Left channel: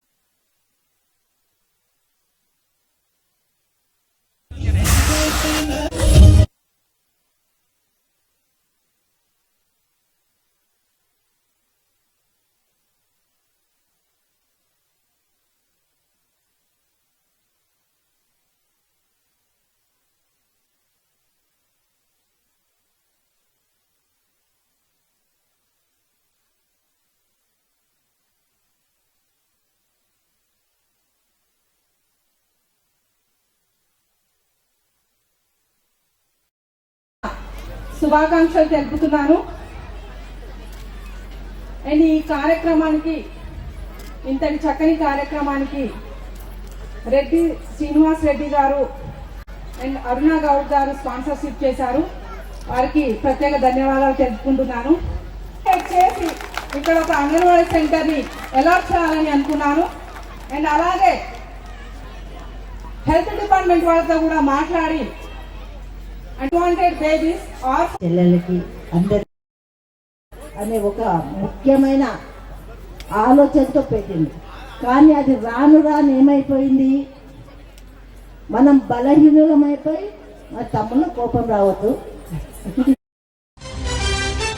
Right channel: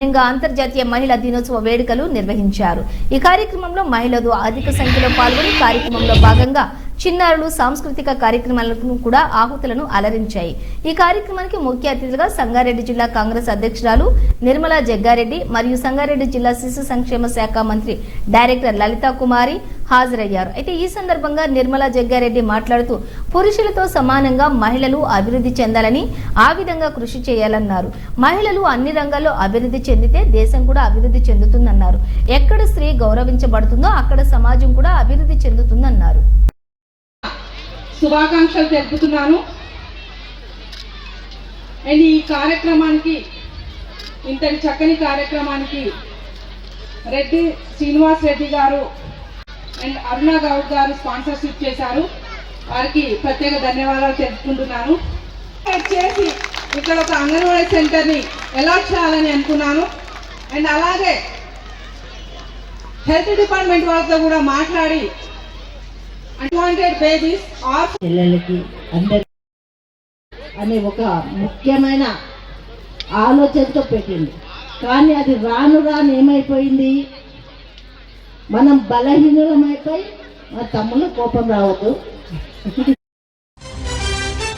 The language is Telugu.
అంతర్జాతీయ మహిళా దినోత్సవ వేడుకలు నిర్వహించారు। ఈ కార్యక్రమంలో మహిళలు అధిక సంఖ్యలో పాల్గొని కార్యక్రమంలో భాగంగా చిన్నారులు సాంస్కృతిక కార్యక్రమాలను కూడా ఆహుతులను అలరించాయి। ఈ కార్యక్రమానికి ముఖ్య అతిథులుగా సంగారెడ్డి జిల్లా కాంగ్రెస్ అధ్యక్షురాలు నిర్మలా జగ్గారెడ్డి మరియు సంగారెడ్డి జిల్లా శిశు సంక్షేమ శాఖ మంత్రి డైరెక్టర్ లలితా కుమారి హాజరయ్యారు। అయితే ఈ సందర్భంగా నిర్మలా జగ్గారెడ్డి మాట్లాడుతూ పురుషులతో సమానంగా మహిళలు అభివృద్ధి చెందాలని ఆ విధంగా కృషి చేయాలన్నారు। మహిళలు అన్ని రంగాల్లో అభివృద్ధి చెందితే దేశం కూడా అభివృద్ధి చెందుతుందన్నారు। ఎక్కడ స్త్రీ గౌరవించబడుతుందో అక్కడ సమాజం కూడా అభివృద్ధి చెందుతుందన్నారు। శుభాకాంక్షలు తెలుపుతున్నాను। అండ్ ఈ కార్యక్రమానికి ఇంతటి చక్కని కార్యక్రమానికి రెడ్డి శ్రీనివాస్ రెడ్డి గారు అండ్ అరుణ గౌడ్ గారు స్పాన్సర్షిప్ చేశారు। వారికి ప్రత్యేక ధన్యవాదాలు తెలుపుకుంటున్నాను। చేసి ఇక్కడ ఒక అంగన్వాడీ సెంటర్ని అలాట్ చేయాలని అనుకున్నాను। అండ్ అలాగే హెల్త్ డిపార్ట్మెంట్ వాళ్ళతో కూడా మాట్లాడి అన్వాంటెడ్ బేబీస్ ఆర్ పిల్లలకి అందరికి అనే ఒక ముఖ్యమైన ఆలోచనతో పెట్టింది। కానీ అది రాను రాను ఏమైపోయింది, మనం బలహీనులమైపోయి మా తమ్ముళ్ళు కోపం రావద్దు।